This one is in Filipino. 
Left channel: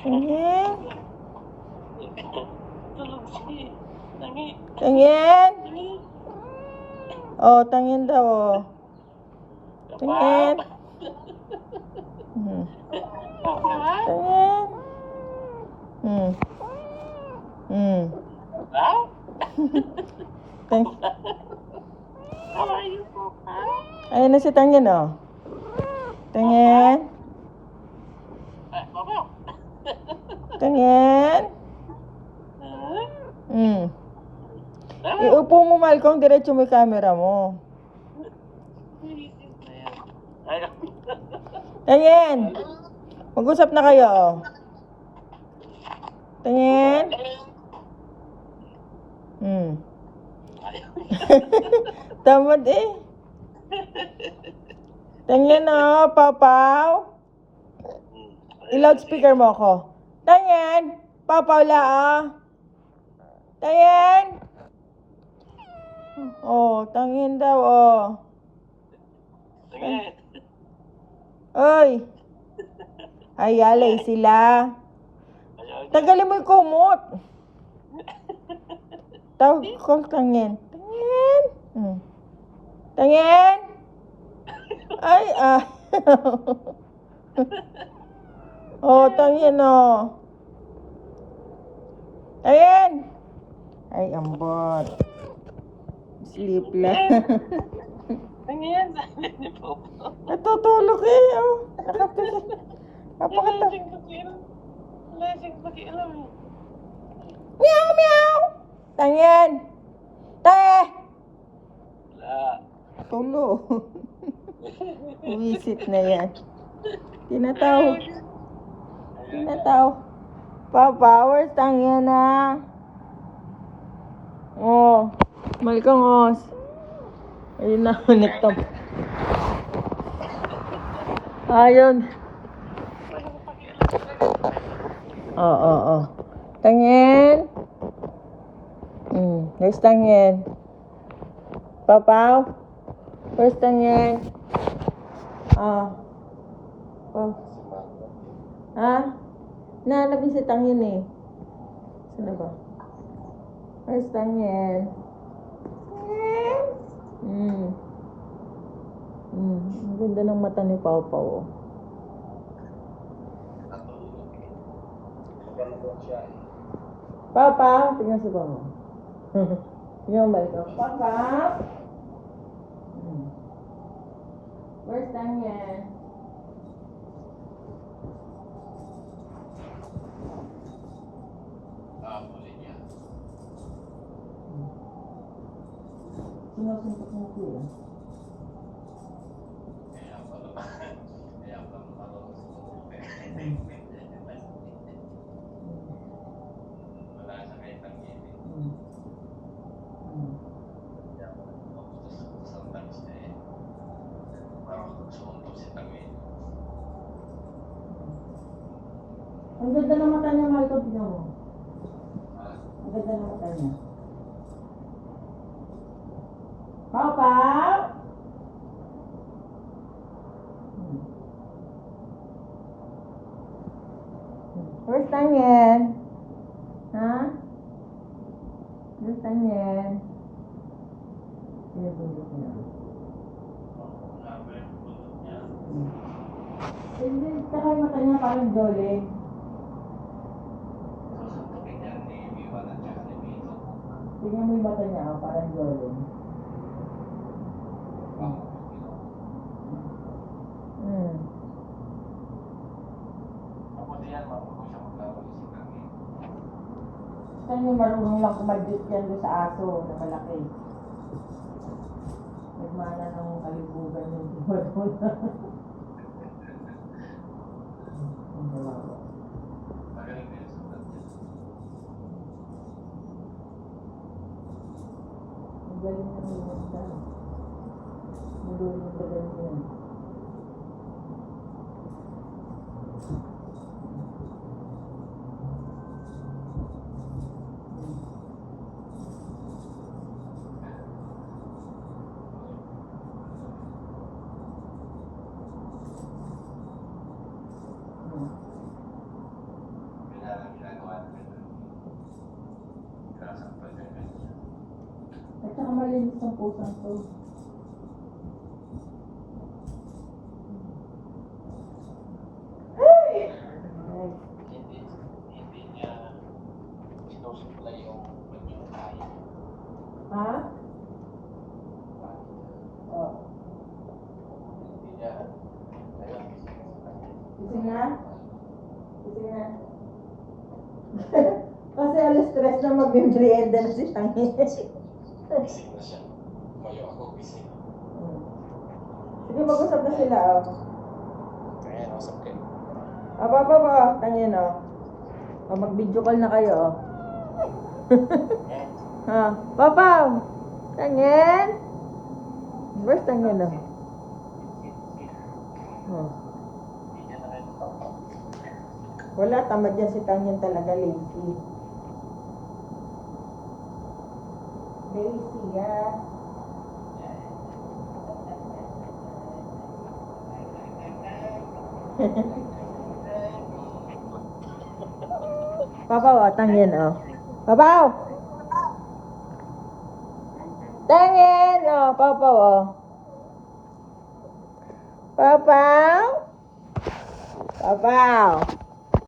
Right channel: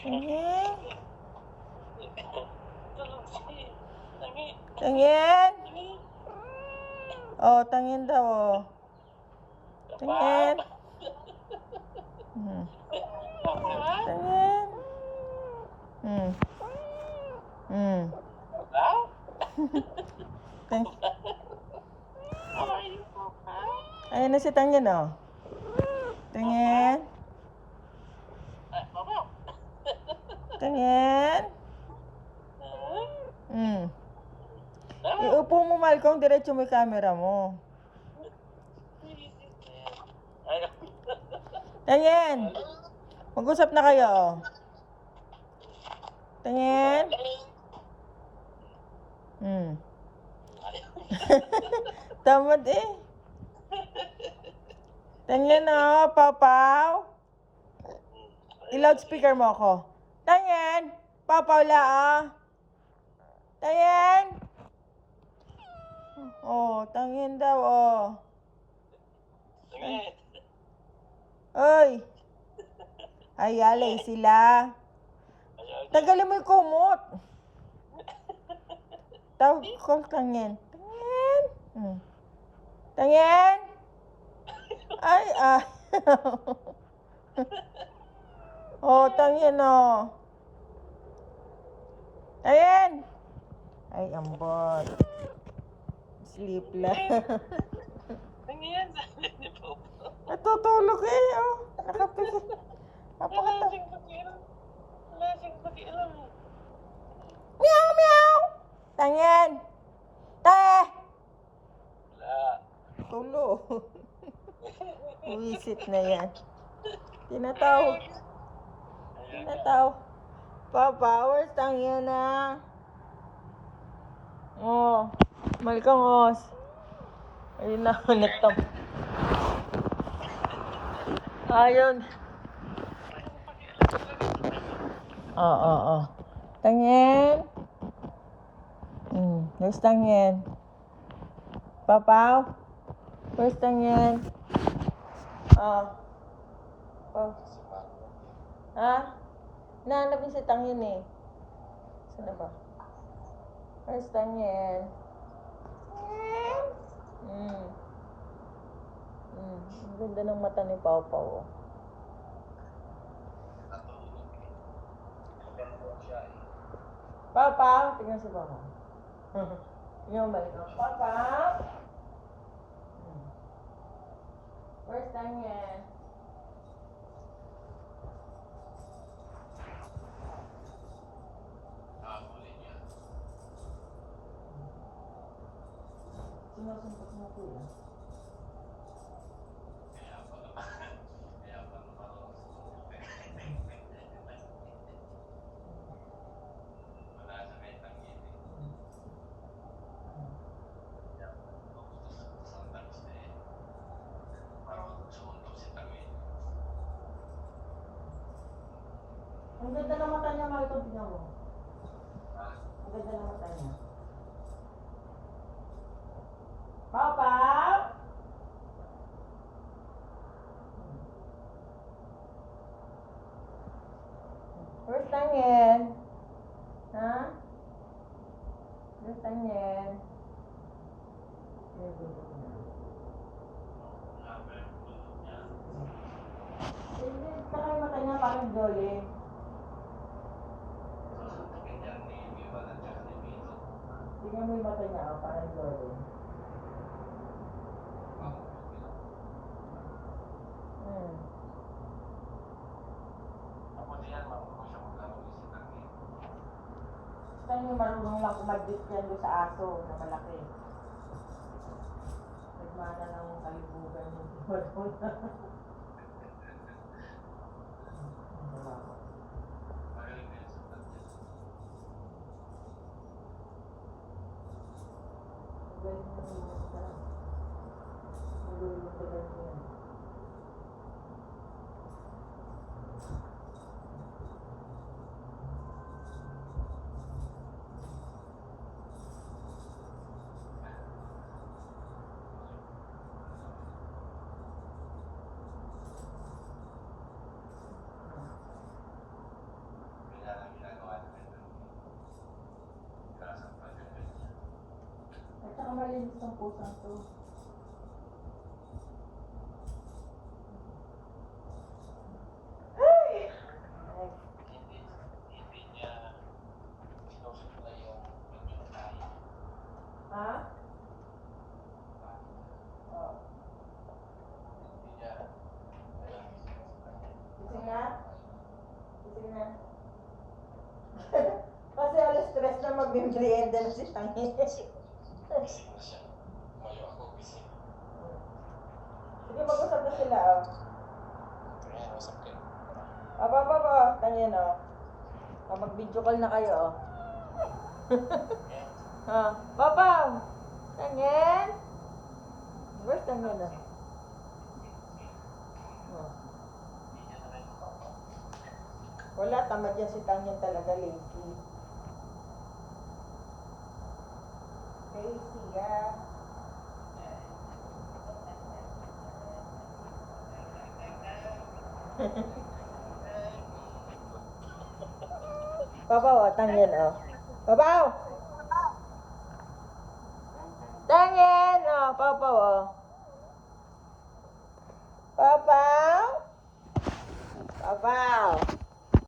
Tingin. Tingin. Oh, tingin daw, oh. Tingin. Hmm. Tingin. Hmm. Hmm. Ayun na si Tingin, oh. Tingin. Tingin. Hmm. Iupo mo, Malcolm, diretso mo yung camera mo. Tingin. Mag-usap na kayo, oh. Tingin. Hmm. Tamad eh. Tingin, oh, Papaw. I-loudspeaker mo ako. Tingin. Papaw la, ah. Tingin. Oh, tingin daw, oh. Oy. Ayalay sila. Tagalin mo yung kumot. Tawag ko, tingin. Tingin. Hmm. Tingin. Ay, ah. Oh, tingin, oh. Tingin. Ay, ambot. Sleep lang. Tingin, sabi ni Popo. Natutulog eh, oh. Nakapis. Napakata. Lasing pati alam. Meow, meow. Tingin. Te. Tulo. Visit na yan. Tinatawag. Papa, where's Tangyan na? Oh. Malkangos. Ayun na, ulit to. Ayun. Oo. Tangyan. Where's Tangyan? Papa, where's Tangyan? Ah. Oh. Ha? Nalabing si Tangyan eh. Saan ba? Where's Tangyan? Ang ganda ng mata ni Papa, oh. Papa, tingnan sa baba. Tingnan mo ito. Papa? Where's Tangyan? Sinusuntok mo ito, eh. Ang ganda ng mata niya, Malcolm. Tignan mo. Ang ganda ng mata niya. Papa? Where's Tangyan? Ha? Where's Tangyan? Pinabundok niya. Hindi, saka yung mata niya parang dole. Tingnan mo yung mata niya, parang dole. Saan yung marunong lang kumadjut yan doon sa aso na malaki? Nagmana ng kalibugan yung tiwadon. Ang galing ng yung dala. Nilulong ka galing yan. Hindi niya sinusupply yung tayo. Ha? Oh. Hindi niya alam. Gising na? Gising na? Kasi alas stress na mag-merienda na si Tangi. Gising na siya. Kayo ako gising. Sige, mag-usap na sila, oh. Kaya nasa akin. Baba, Tangin, oh. Oh, mag-video call na kayo, oh. Ha? Papa! Tangin! Where's Tangin, oh? Oh. Hindi niya na rin papa. Wala, tamad yan si Tangin talaga, lazy. Lazy, yeah. Papa, oh, Tangin, oh. Papa! Tangin, oh, Papa, oh. Papa! Papa!